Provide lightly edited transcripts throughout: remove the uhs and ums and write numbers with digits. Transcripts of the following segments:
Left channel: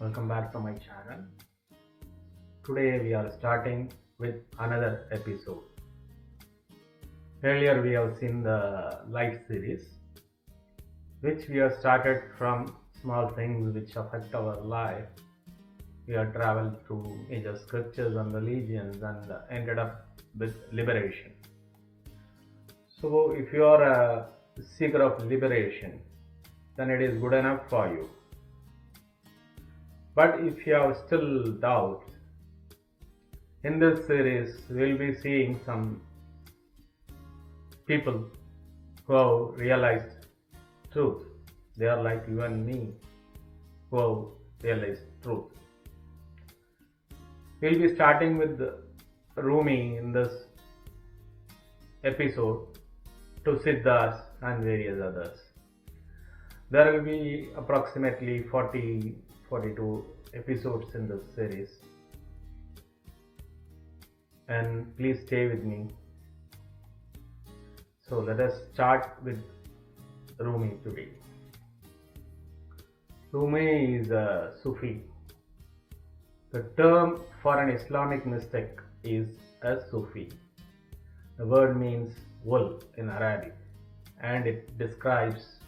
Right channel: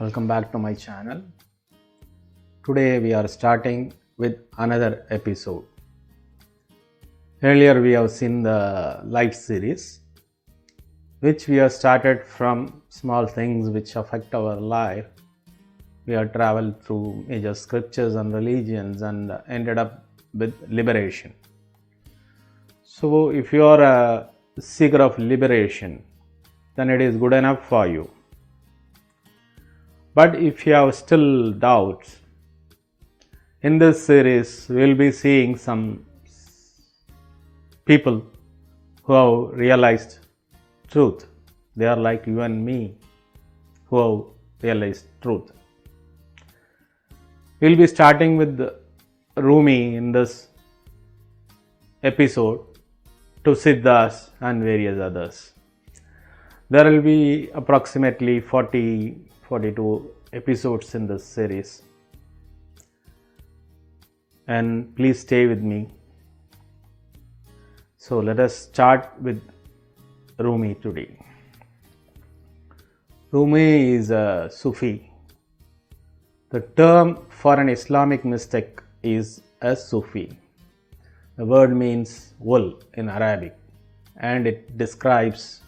Welcome back to my channel. Today we are starting with another episode. Earlier we have seen the life series, which we have started from small things which affect our life. We have traveled through major scriptures and religions and ended up with liberation. So if you are a seeker of liberation, then it is good enough for you. But if you have still doubts, in this series we will be seeing some people who have realized truth. They are like you and me who have realized truth. We will be starting with Rumi in this episode, to Siddhas and various others. There will be approximately 42 episodes in this series, and please stay with me. So let us start with Rumi today. Rumi is a Sufi. The term for an Islamic mystic is a Sufi. The word means wool in Arabic, and it describes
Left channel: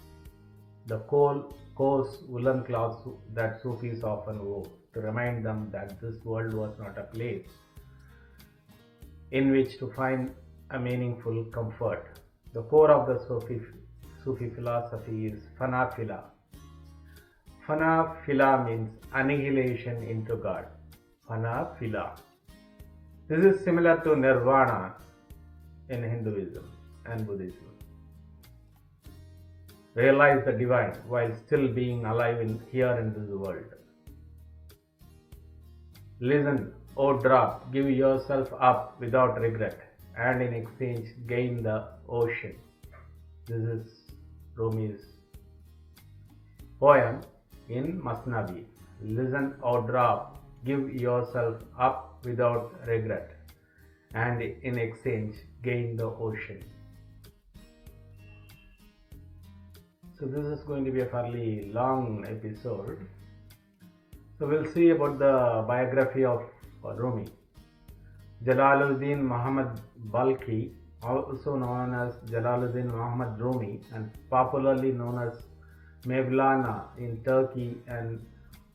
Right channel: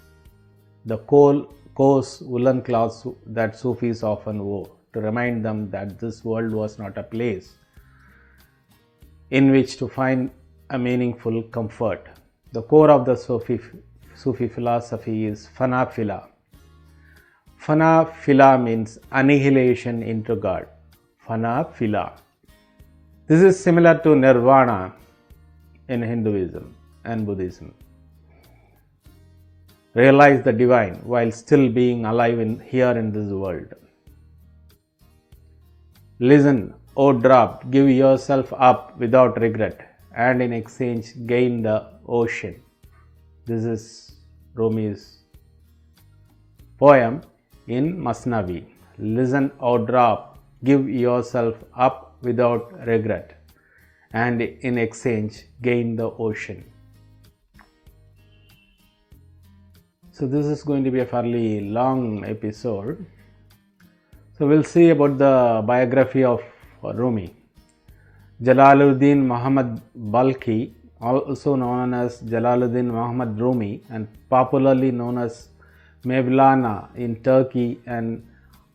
the coarse woolen cloths that Sufis often wore to remind them that this world was not a place in which to find a meaningful comfort. The core of the Sufi philosophy is Fana Fila. Fana Fila means annihilation into God. Fana Fila. This is similar to Nirvana in Hinduism and Buddhism. Realize the divine while still being alive here in this world. Listen, O drop, give yourself up without regret, and in exchange gain the ocean. This is Rumi's poem in Masnavi. Listen, O drop, give yourself up without regret, and in exchange gain the ocean. So this is going to be a fairly long episode. So we'll see about the biography of Rumi. Jalaluddin Muhammad Balkhi, also known as Jalaluddin Muhammad Rumi and popularly known as Mevlana in Turkey and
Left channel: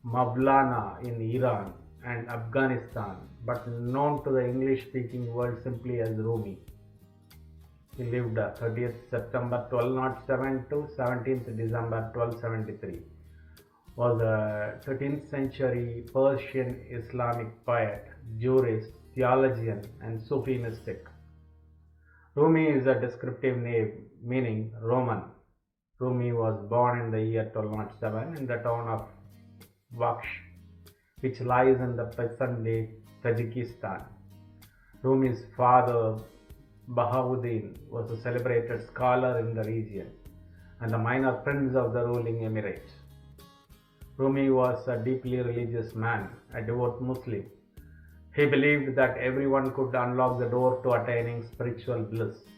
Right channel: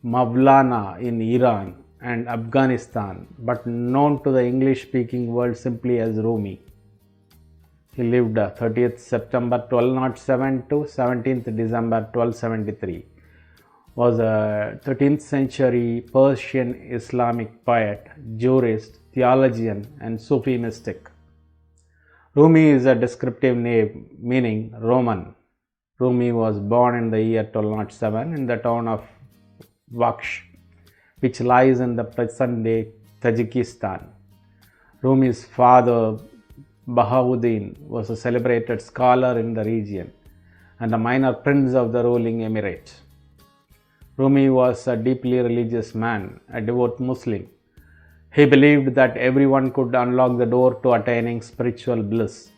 Mavlana in Iran and Afghanistan, but known to the English-speaking world simply as Rumi. He lived 30th September 1207 to 17th December 1273. Was a 13th century Persian Islamic poet, jurist, theologian and Sufi mystic. Rumi is a descriptive name meaning Roman. Rumi was born in the year 1207 in the town of Vaksh, which lies in the present-day Tajikistan. Rumi's father, Bahauddin, was a celebrated scholar in the region and a minor prince of the ruling emirate. Rumi was a deeply religious man, a devout Muslim. He believed that everyone could unlock the door to attaining spiritual bliss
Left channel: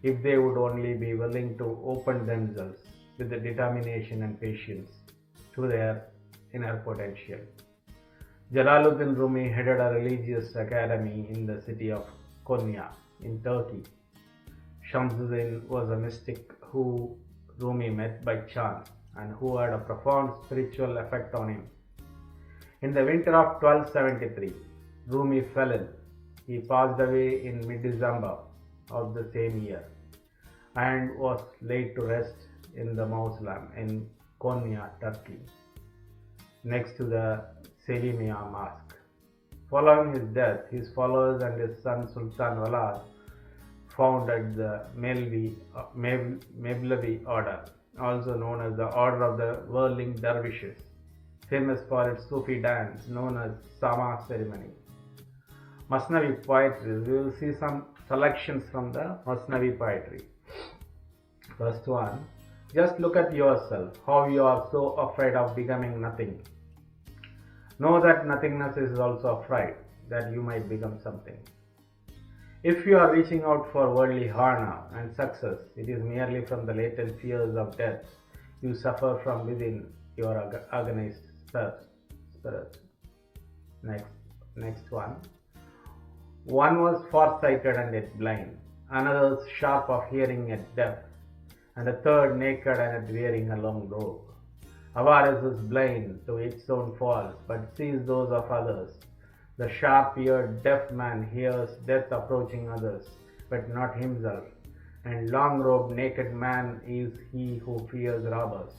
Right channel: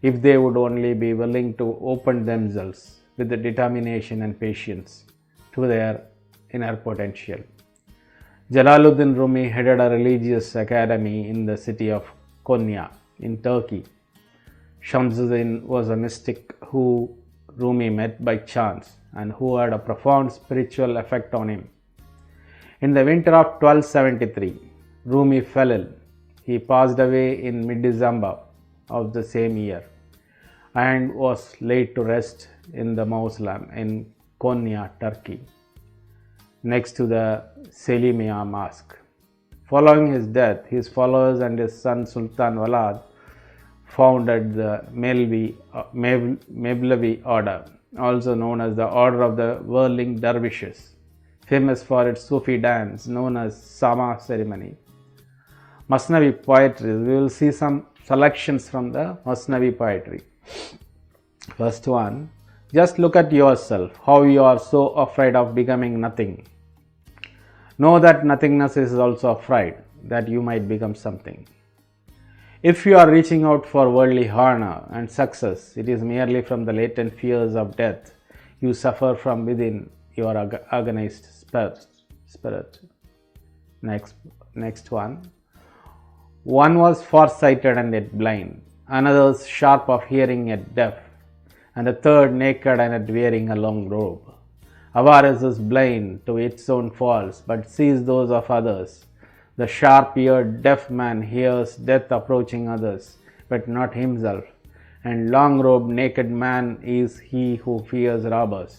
if they would only be willing to open themselves with the determination and patience to their inner potential. Jalaluddin Rumi headed a religious academy in the city of Konya in Turkey. Shamsuddin was a mystic who Rumi met by chance and who had a profound spiritual effect on him. In the winter of 1273, Rumi fell ill. He passed away in mid-December of the same year and was laid to rest in the mausoleum in Konya, Turkey, next to the Selimiya Mosque. Following his death, his followers and his son Sultan Walad founded the Mevlevi order, also known as the Order of the Whirling Dervishes, famous for its Sufi dance known as Sama ceremony. Masnavi poetry. We will see some selections from the Masnavi poetry. First one, just look at yourself, how you are so afraid of becoming nothing. Know that nothingness is also afraid that you might become something. If you are reaching out for worldly honor and success, it is merely from the latent fears of death you suffer from within your agonized spirit. Next one. One was far-sighted and yet blind, another sharp of hearing yet deaf, and the third naked and yet wearing a long robe. Avarice is blind to its own faults, but sees those of others. The sharp-eared deaf man hears death approaching others, but not himself. And long-robed naked man is he who fears robbers,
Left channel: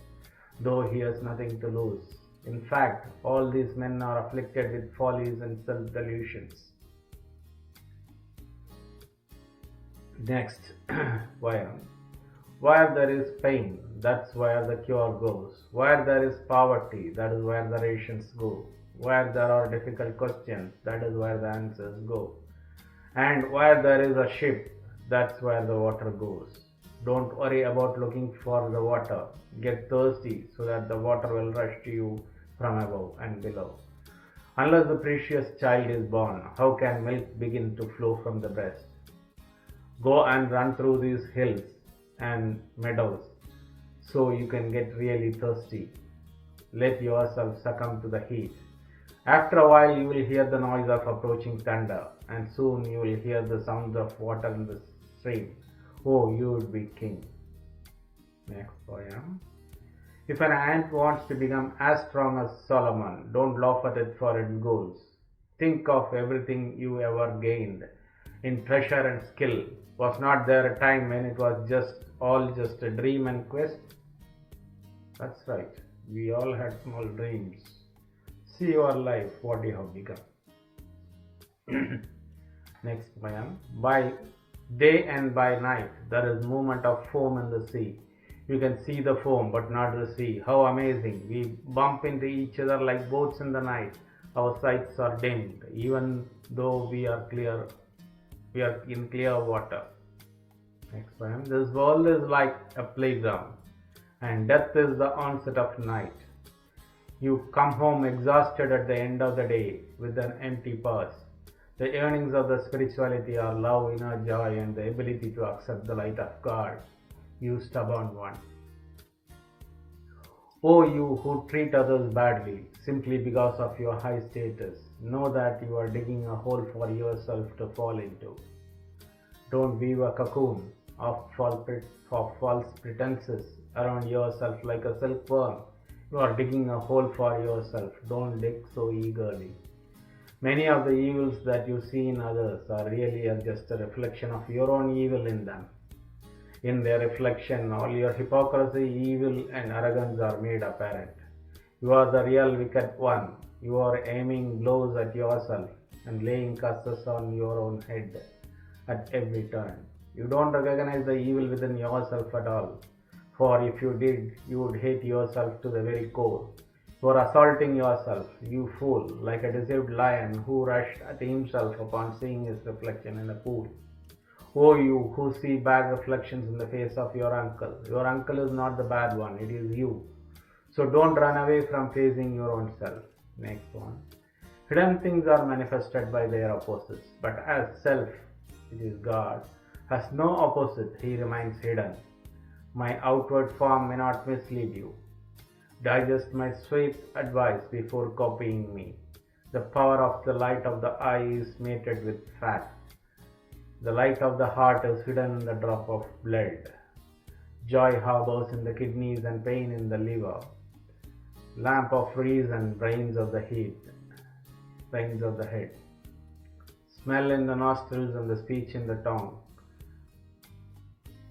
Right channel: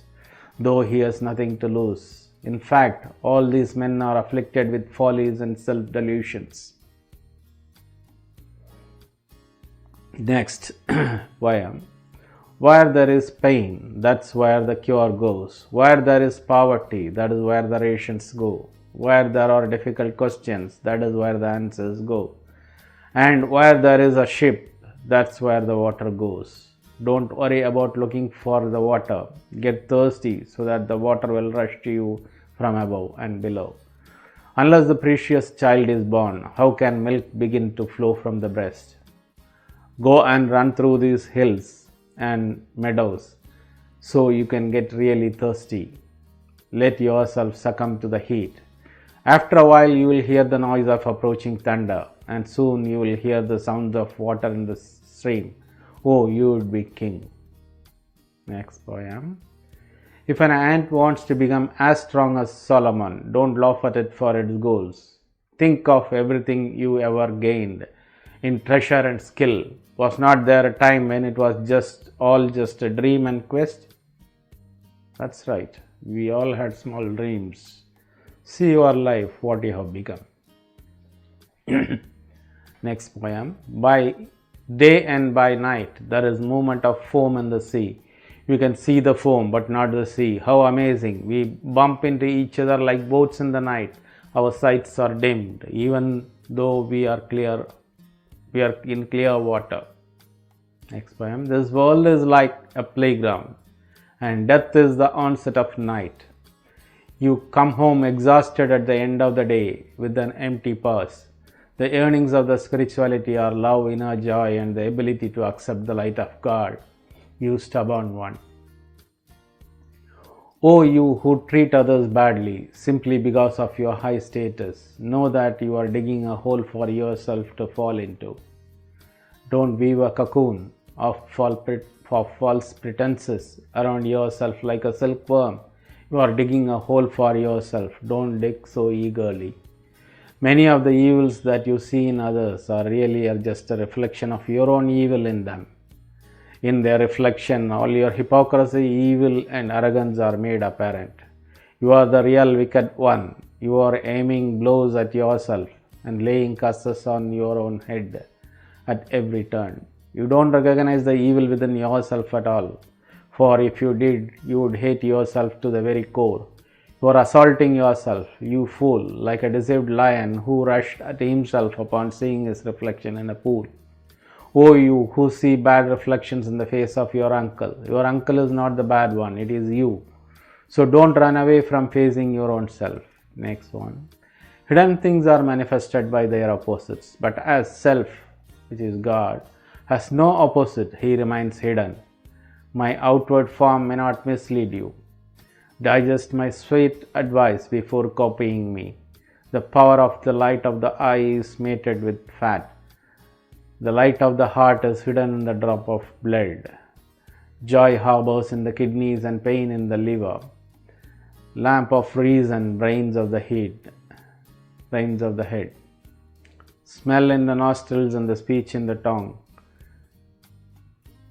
though he has nothing to lose. In fact, all these men are afflicted with follies and self-delusions. Next poem. Where there is pain, that's where the cure goes. Where there is poverty, that is where the rations go. Where there are difficult questions, that is where the answers go. And where there is a ship, that's where the water goes. Don't worry about looking for the water. Get thirsty so that the water will rush to you from above and below. Unless the precious child is born, how can milk begin to flow from the breast? Go and run through these hills and meadows so you can get really thirsty. Let yourself succumb to the heat. After a while you will hear the noise of approaching thunder, and soon you will hear the sound of water in the stream. Oh, you would be king. Next poem. If an ant wants to become as strong as Solomon, don't laugh at it for its goals. Think of everything you ever gained in treasure and skill. Was not there a time when it was just a dream and quest? That's right. We all had small dreams. See your life, what you have become. Next poem. By day and by night, there is movement of foam in the sea. You can see the foam, but not the sea. How amazing. We bump into each other like boats in the night. Our sights are dimmed, even though we are in clear water. Next poem. This world is like a playground, and death is the onset of night. You come home exhausted at the end of the day with an empty purse. The earnings of the spirituality are love, inner joy, and the ability to accept the light of God. You stubborn one. Oh, you who treat others badly simply because of your high status, know that you are digging a hole for yourself to fall into. Don't weave a cocoon of false pretenses around yourself like a silkworm. You are digging a hole for yourself. Don't dig so eagerly. Many of the evils that you see in others are really just a reflection of your own evil in them. In their reflection, all your hypocrisy, evil, and arrogance are made apparent. You are the real wicked one. You are aiming blows at yourself and laying curses on your own head at every turn. You don't recognize the evil within yourself at all. For if you did, you would hate yourself to the very core. You are assaulting yourself, you fool, like a deceived lion who rushed at himself upon seeing his reflection in a pool. Oh, you who see bad reflections in the face of your uncle. Your uncle is not the bad one, it is you. So don't run away from facing your own self. Next one. Hidden things are manifested by their opposites, but as self, which is God, has no opposite, he remains hidden. My outward form may not mislead you. Digest my sweet advice before copying me. The power of the light of the eye is mated with fat. The light of the heart is hidden in the drop of blood. Joy harbors in the kidneys and pain in the liver. Lamp of reason, brains of the head. Smell in the nostrils and the speech in the tongue.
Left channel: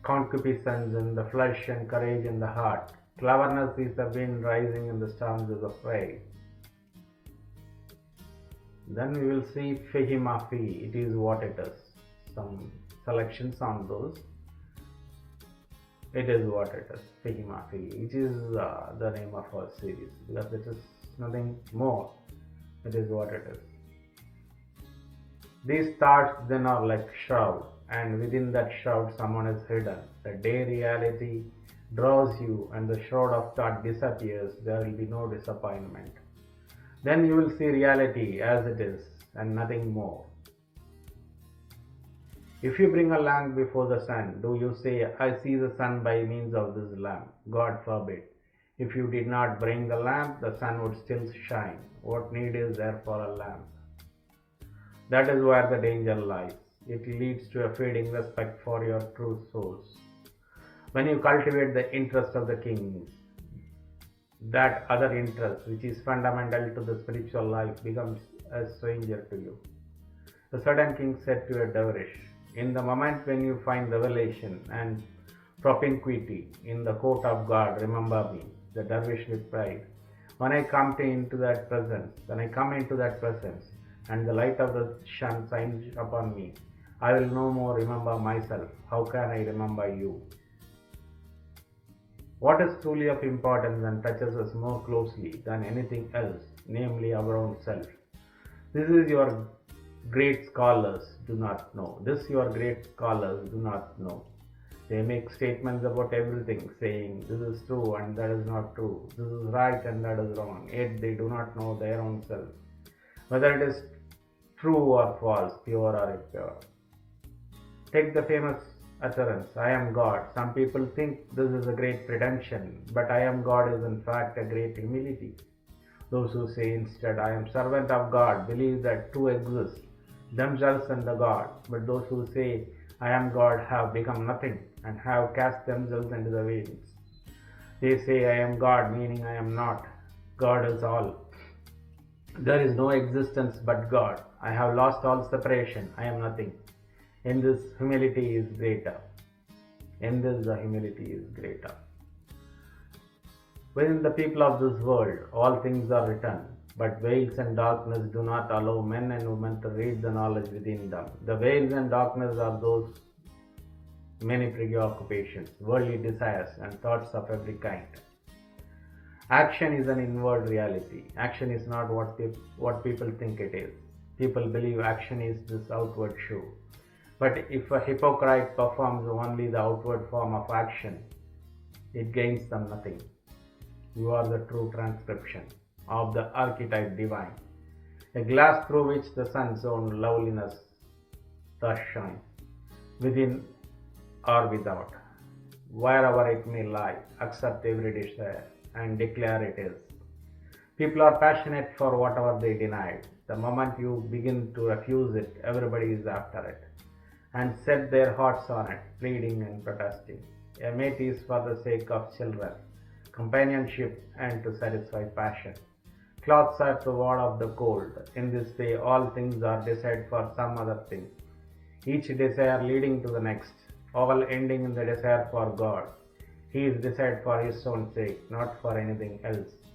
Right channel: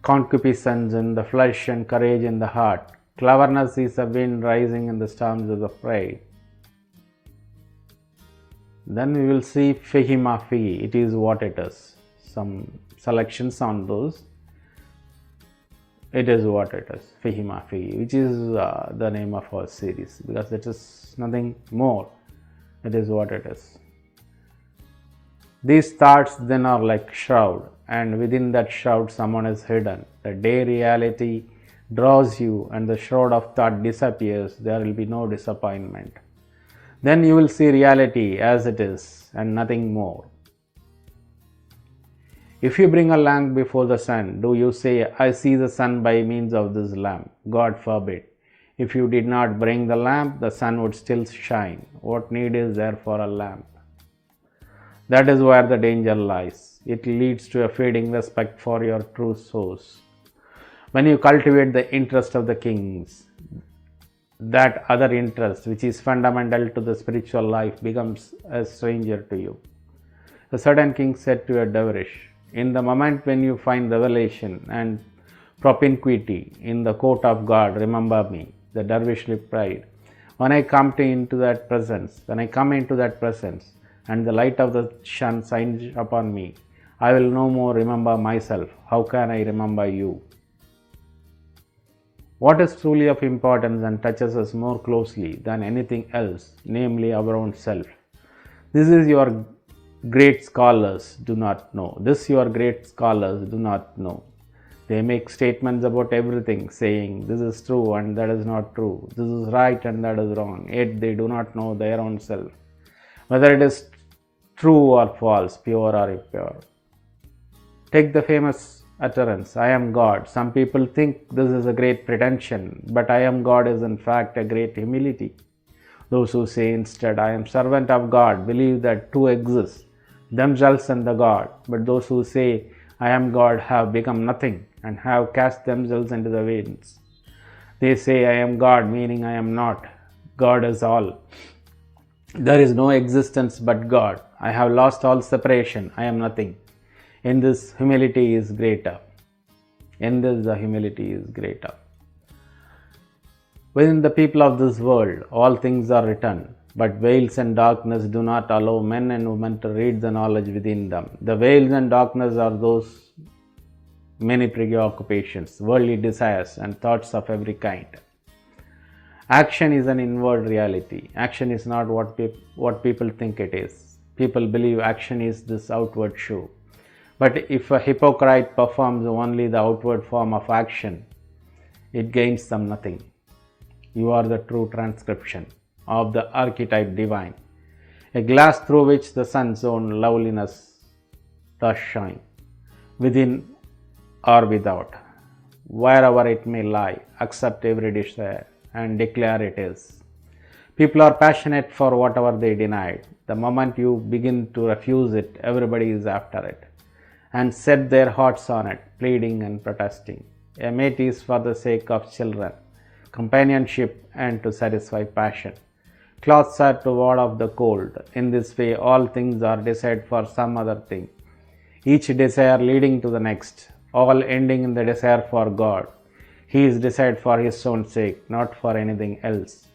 Concupiscence in the flesh and courage in the heart. Cleverness is a wind rising in the storms of the prey. Then we will see Fihi Ma Fihi. It is what it is. Some selections on those. It is what it is. Fihi Ma Fihi, which is the name of our series, because it is nothing more. It is what it is. These thoughts then are like shroud, and within that shroud someone is hidden. The day reality draws you and the shroud of thought disappears, there will be no disappointment. Then you will see reality as it is and nothing more. If you bring a lamp before the sun, do you say, I see the sun by means of this lamp? God forbid. If you did not bring the lamp, the sun would still shine. What need is there for a lamp? That is where the danger lies. It leads to a fading respect for your true source. When you cultivate the interest of the kings, that other interest, which is fundamental to the spiritual life, becomes a stranger to you. A certain king said to a dervish, "In the moment when you find revelation and propinquity in the court of God, remember me." The dervish replied, when I come into that presence, and the light of the sun shines upon me, I will no more remember myself. How can I remember you? What is truly of importance and touches us more closely than anything else, namely our own self. This your great scholars do not know. They make statements about everything, saying this is true and that is not true, this is right and that is wrong, yet they do not know their own self, whether it is true or false, pure or impure. Take the famous utterance, I am God. Some people think this is a great pretension, but I am God is in fact a great humility. Those who say instead, I am servant of God, believe that two exist, themselves and the God. But those who say, I am God, have become nothing and have cast themselves into the winds. They say, I am God, meaning I am not. God is all. There is no existence but God. I have lost all separation. I am nothing. In this, humility is greater. The humility is greater. Within the people of this world, all things are written, but veils and darkness do not allow men and women to read the knowledge within them. The veils and darkness are those many preoccupations, worldly desires, and thoughts of every kind. Action is an inward reality. Action is not what people think it is. People believe action is this outward show. But if a hypocrite performs only the outward form of action, it gains them nothing. You are the true transcription of the archetype divine, a glass through which the sun's own loveliness does shine, within or without, wherever it may lie. Accept every desire and declare it is. People are passionate for whatever they denied. The moment you begin to refuse it, everybody is after it and set their hearts on it, pleading and protesting. A mate is for the sake of children, companionship, and to satisfy passion. Clothes are to ward off the cold. In this way, all things are desired for some other thing, each desire leading to the next, all ending in the desire for God. He is desired for his own sake, not for anything else.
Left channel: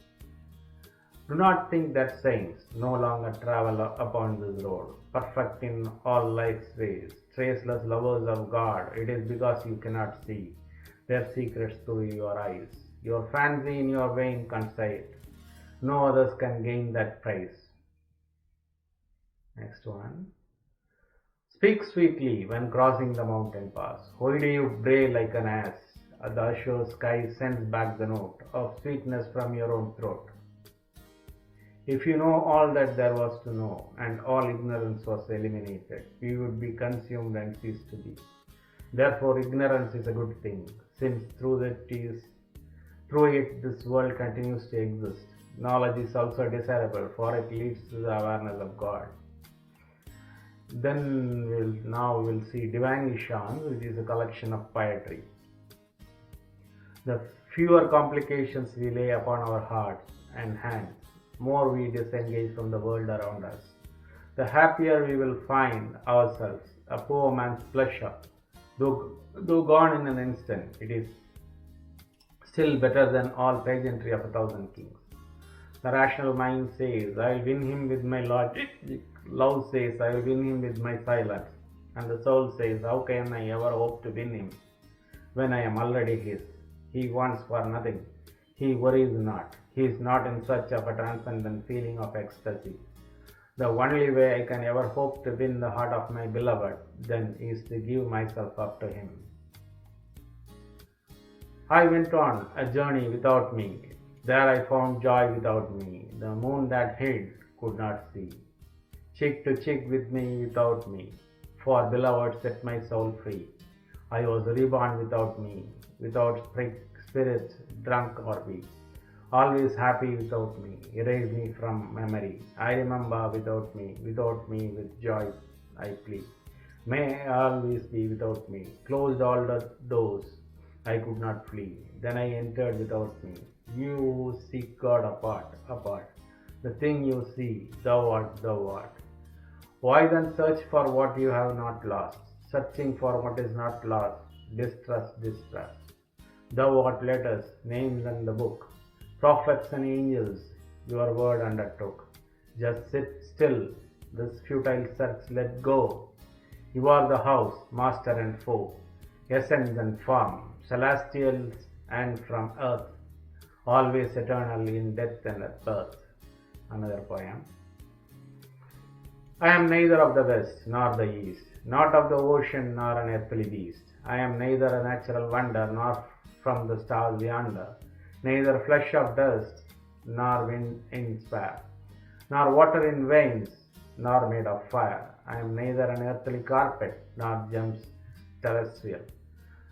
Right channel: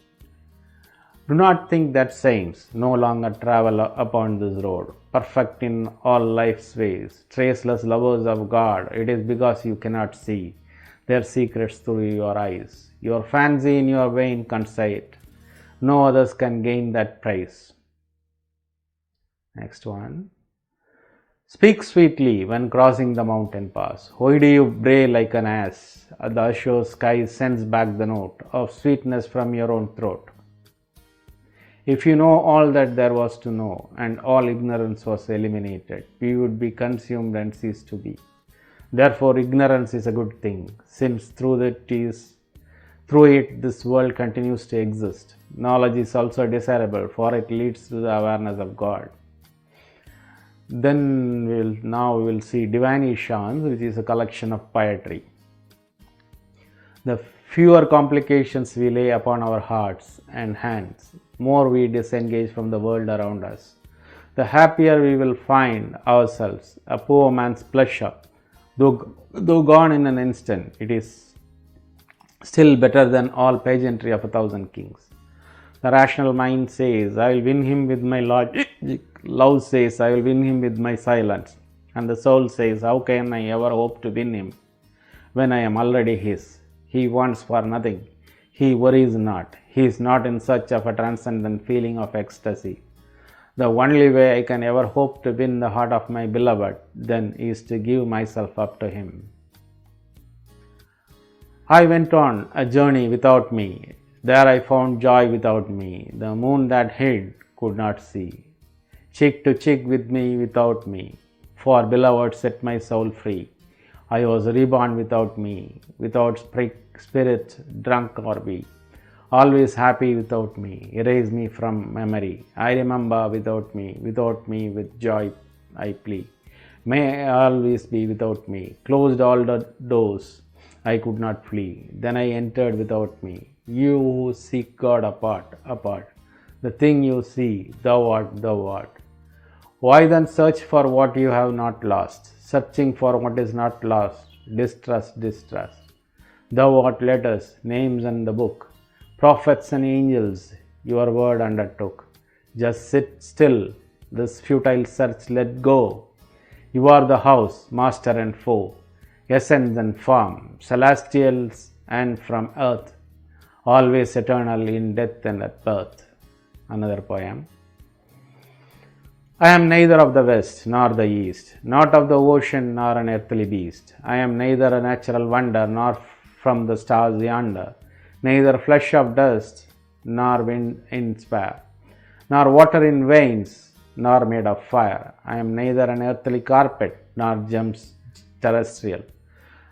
Do not think that saints no longer travel upon this road, perfect in all life's ways, traceless lovers of God. It is because you cannot see their secrets through your eyes. Your fancy in your vein can say it. No others can gain that prize. Next one. Speak sweetly when crossing the mountain pass. Why do you bray like an ass? The azure sky sends back the note of sweetness from your own throat. If you know all that there was to know, and all ignorance was eliminated, we would be consumed and cease to be. Therefore, ignorance is a good thing, since through it this world continues to exist. Knowledge is also desirable, for it leads to the awareness of God. Then we will see Divan-e, which is a collection of poetry. The fewer complications we lay upon our hearts and hands, more we disengage from the world around us, the happier we will find ourselves. A poor man's pleasure, though gone in an instant, it is still better than all pageantry of 1,000 kings. The rational mind says, I will win him with my logic. Love says, I will win him with my silence. And the soul says, how can I ever hope to win him when I am already his? He wants for nothing. He worries not. He is not in search of a transcendent feeling of ecstasy. The only way I can ever hope to win the heart of my beloved, then, is to give myself up to him. I went on a journey without me. There I found joy without me. The moon that hid could not see. Cheek to cheek with me without me. For beloved set my soul free. I was reborn without me, without spirit, drunk or weak. always happy without me, erase me from memory. I remember without me with joy I plead. May I always be without me, closed all the doors, I could not flee. Then I entered without me. You who seek God apart. The thing you see, thou art. Why then search for what you have not lost? Searching for what is not lost, distrust. Thou art letters, names and the book, prophets and angels, your word undertook. Just sit still, this futile search let go. You are the house, master and foe, essence and form, celestials and from earth, always eternal in death and at birth. Another poem. I am neither of the west nor the east, not of the ocean nor an earthly beast. I am neither a natural wonder nor from the stars yonder, neither flesh of dust nor wind in spare, nor water in veins nor made of fire. I am neither an earthly carpet nor gems terrestrial,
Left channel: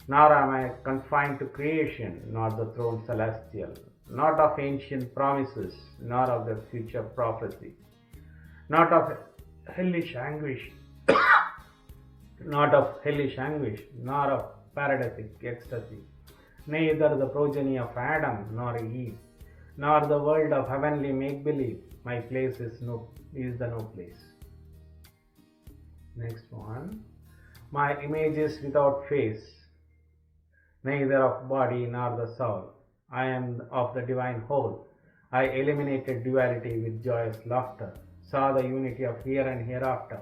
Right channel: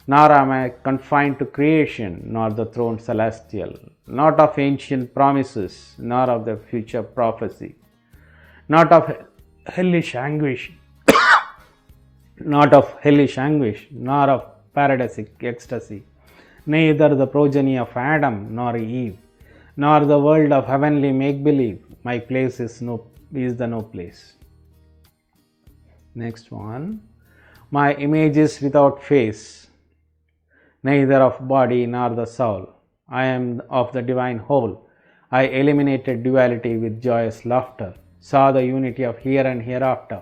nor am I confined to creation nor the throne celestial, not of ancient promises nor of the future prophecy, not of hellish anguish, nor of paradisic ecstasy, neither the progeny of Adam nor Eve, nor the world of heavenly make-believe. My place is the no place. Next one. My image is without face, neither of body nor the soul. I am of the divine whole. I eliminated duality with joyous laughter, saw the unity of here and hereafter.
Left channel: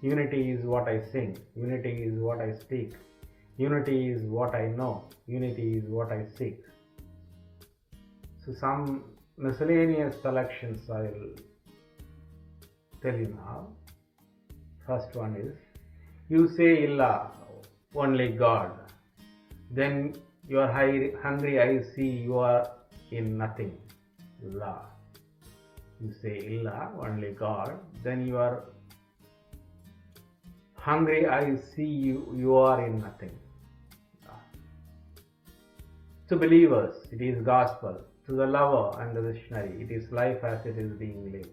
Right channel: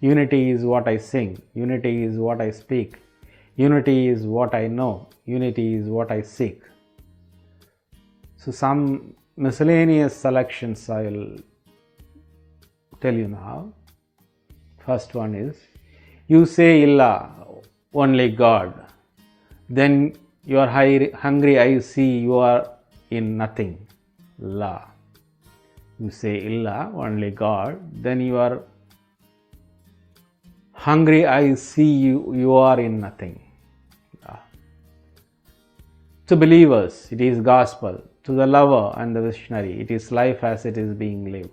Unity is what I sing, unity is what I speak, unity is what I know, unity is what I seek. So some miscellaneous selections I will tell you now. First one is, you say illa, only God. Then your hungry eyes see you are in nothing. La. You say illa, only God. Then your hungry eyes see you are in nothing. La. To believers, it is gospel. To the lover and the visionary, it is life as it is being lived.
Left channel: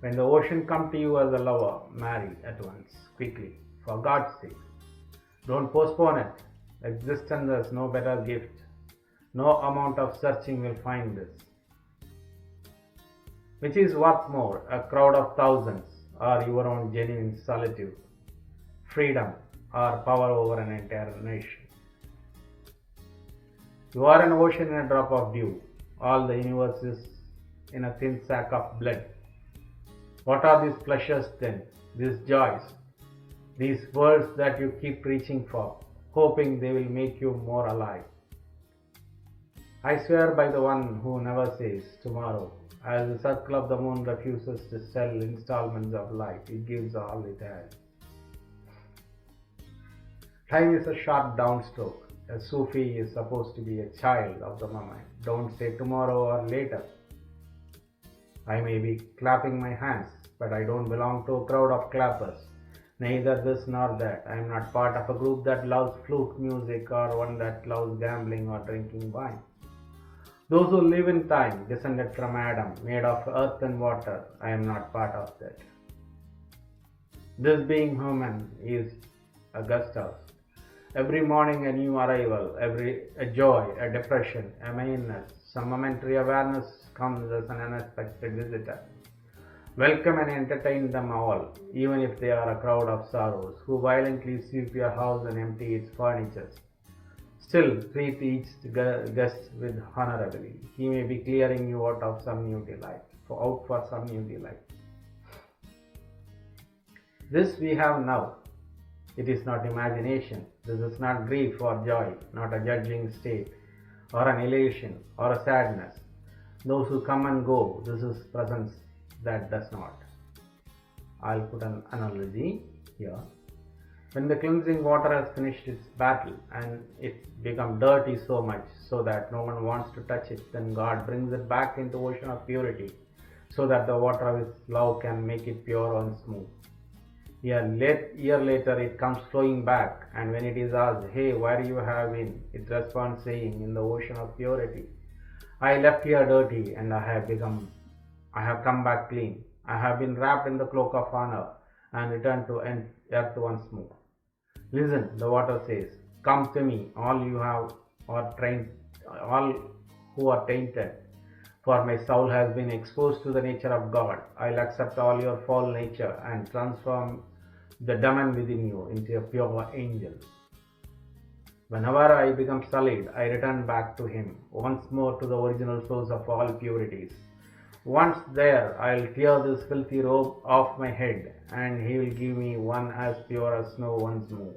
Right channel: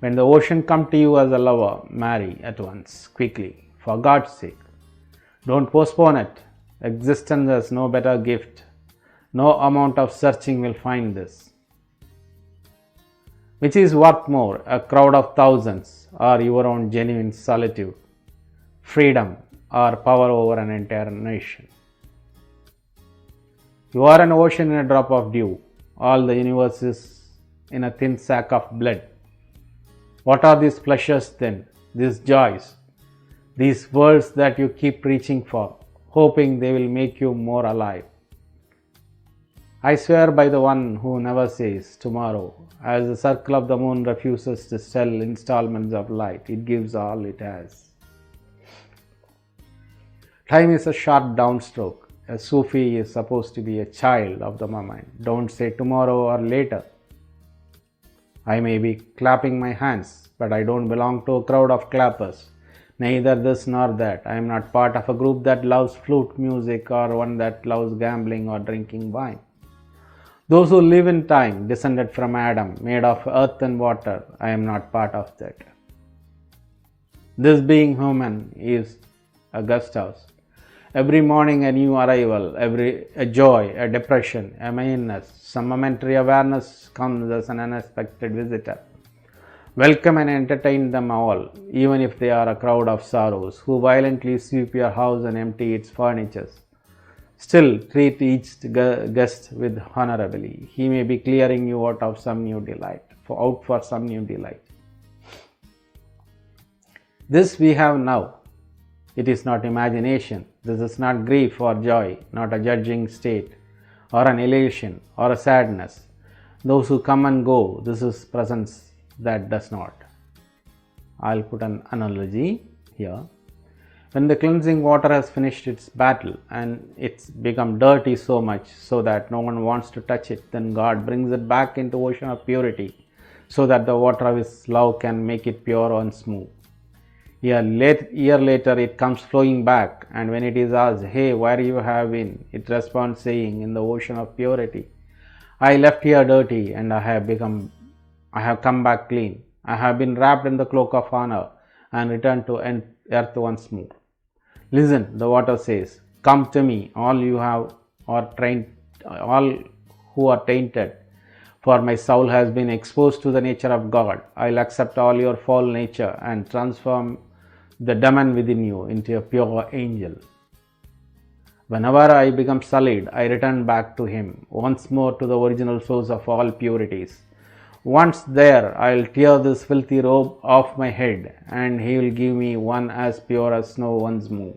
When the ocean come to you as a lover, marry at once, quickly, for God's sake. Don't postpone it. Existence has no better gift. No amount of searching will find this. Which is worth more, a crowd of thousands or your own genuine solitude, freedom or power over an entire nation? You are an ocean in a drop of dew. All the universe is in a thin sack of blood. What are these pleasures then, these joys, these worlds that you keep reaching for, hoping they will make you more alive? I swear by the one who never says tomorrow, as the circle of the moon refuses to sell installments of light, it gives all it has. Time is a sharp downstroke. A Sufi is supposed to be a child of the moment. Don't say tomorrow or later. I may be clapping my hands, but I don't belong to a crowd of clappers. Neither this nor that. I am not part of a group that loves flute music or one that loves gambling or drinking wine. Those who live in time, descended from Adam, made of earth and water, I am not part of that. This being human is a guest house. Every morning a new arrival, a joy, a depression, a meanness, some momentary awareness comes as an unexpected visitor. Welcome and entertain them all, even if they are a crowd of sorrows, who violently sweep your house and empty its furniture. Still, treat each guest with honorably. He may be clearing you out for some new delight. This we have now. It is not imagination. This is not grief or joy, not a judging state, or an elation, or a sadness. Those who come and go, this is presence that does not. I'll put an analogy here. When the cleansing water has finished its battle and it's become dirty so much so that no one wants to touch it, then God brings it back into ocean of purity so that the water of His love can make it pure and smooth. Year later it comes flowing back, and when it is asked, hey, where you have been? It responds saying, in the ocean of purity. I left here dirty and I have come back clean. I have been wrapped in the cloak of honor and returned to earth once more. Listen, the water says, come to me, all who are tainted, for my soul has been exposed to the nature of God. I'll accept all your foul nature and transform the demon within you into a pure angel. Whenever I become sullied, I return back to Him, once more to the original source of all purities. Once there, I'll tear this filthy robe off my head, and He will give me one as pure as snow once more.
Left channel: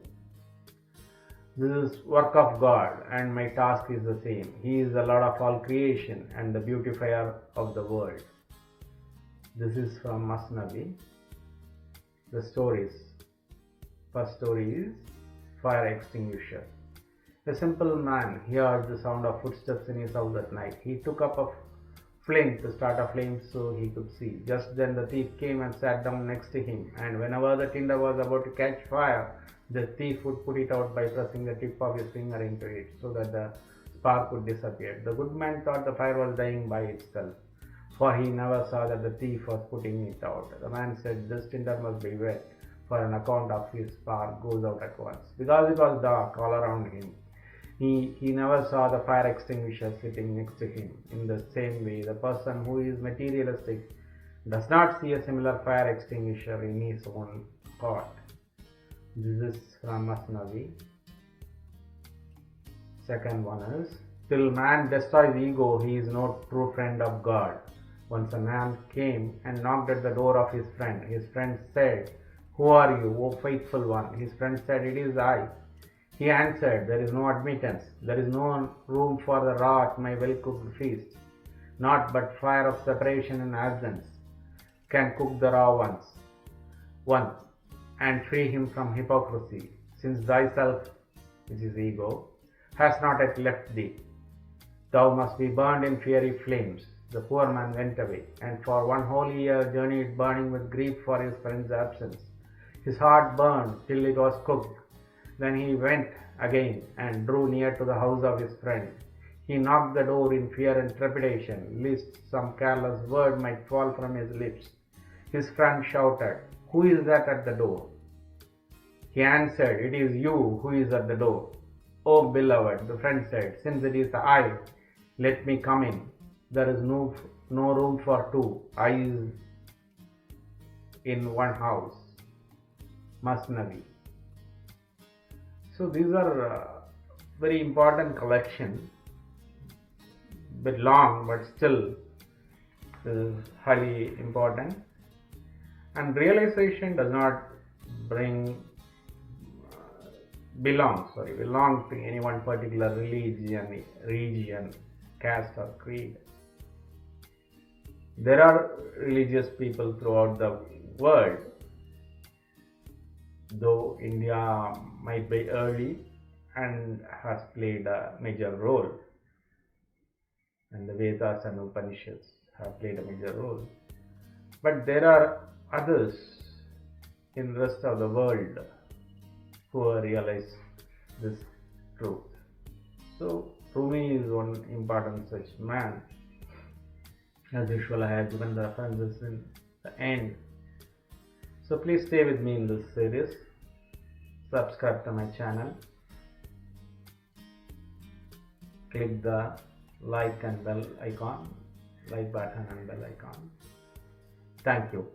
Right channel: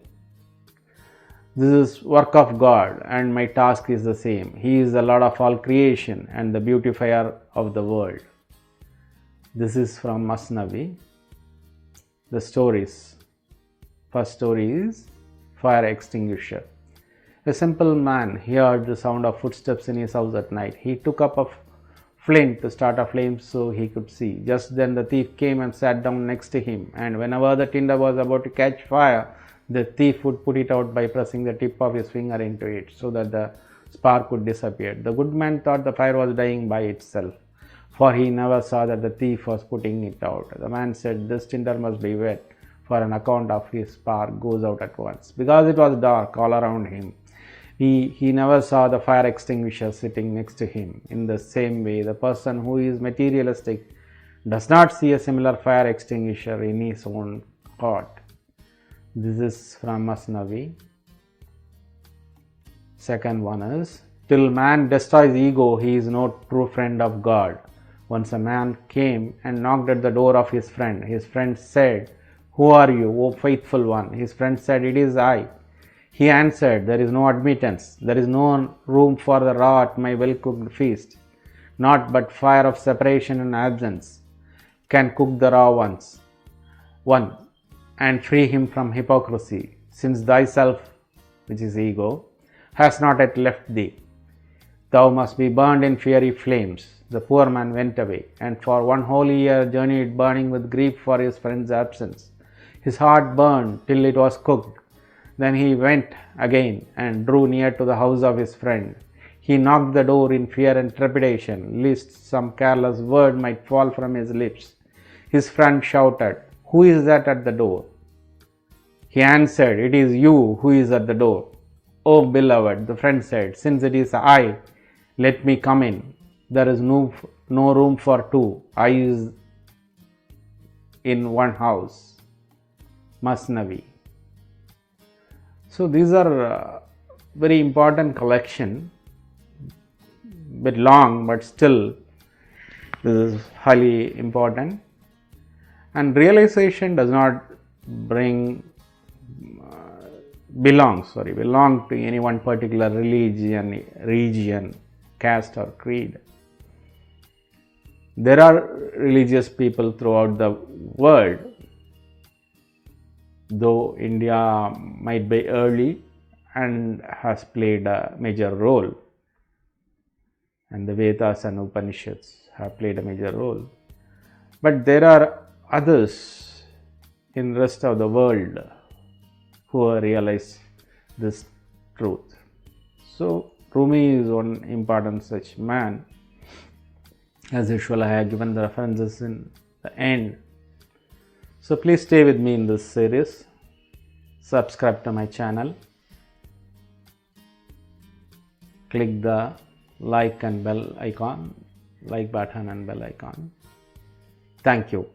This is work of God, and my task is the same. He is the Lord of all creation and the beautifier of the world. This is from Masnavi. The stories. First story is fire extinguisher. A simple man heard the sound of footsteps in his house at night. He took up a flint to start a flame so he could see. Just then the thief came and sat down next to him, and whenever the tinder was about to catch fire, the thief would put it out by pressing the tip of his finger into it so that the spark would disappear. The good man thought the fire was dying by itself, for he never saw that the thief was putting it out. The man said, this tinder must be wet, for an account of his spark goes out at once. Because it was dark all around him, he never saw the fire extinguisher sitting next to him. In the same way, the person who is materialistic does not see a similar fire extinguisher in his own heart. This is from Masnavi. Second one is, till man destroys ego, he is no true friend of God. Once a man came and knocked at the door of his friend. His friend said, who are you, O faithful one? His friend said, it is I. He answered, there is no admittance. There is no room for the raw at my well-cooked feast. Naught but fire of separation and absence can cook the raw one, and free him from hypocrisy, since thyself, which is ego, has not yet left thee. Thou must be burned in fiery flames. The poor man went away, and for 1 whole year journeyed, burning with grief for his friend's absence. His heart burned till it was cooked. Then he went again and drew near to the house of his friend. He knocked the door in fear and trepidation, lest some careless word might fall from his lips. His friend shouted, who is that at the door? He answered, it is you who is at the door. O beloved, the friend said, since it is I, let me come in. There is no room for two eyes in one house. Masnavi. So these are very important collection, bit long, but still this is highly important. And realization does not belong to any one particular region, caste or creed. There are religious people throughout the world, though India might be early and has played a major role, and the Vedas and Upanishads have played a major role. But there are others in the rest of the world who realize this truth. So Rumi is one important such man. As usual, I have given the references in the end. So please stay with me in this series. Subscribe to my channel. Click the like and bell icon, like button and bell icon. Thank you.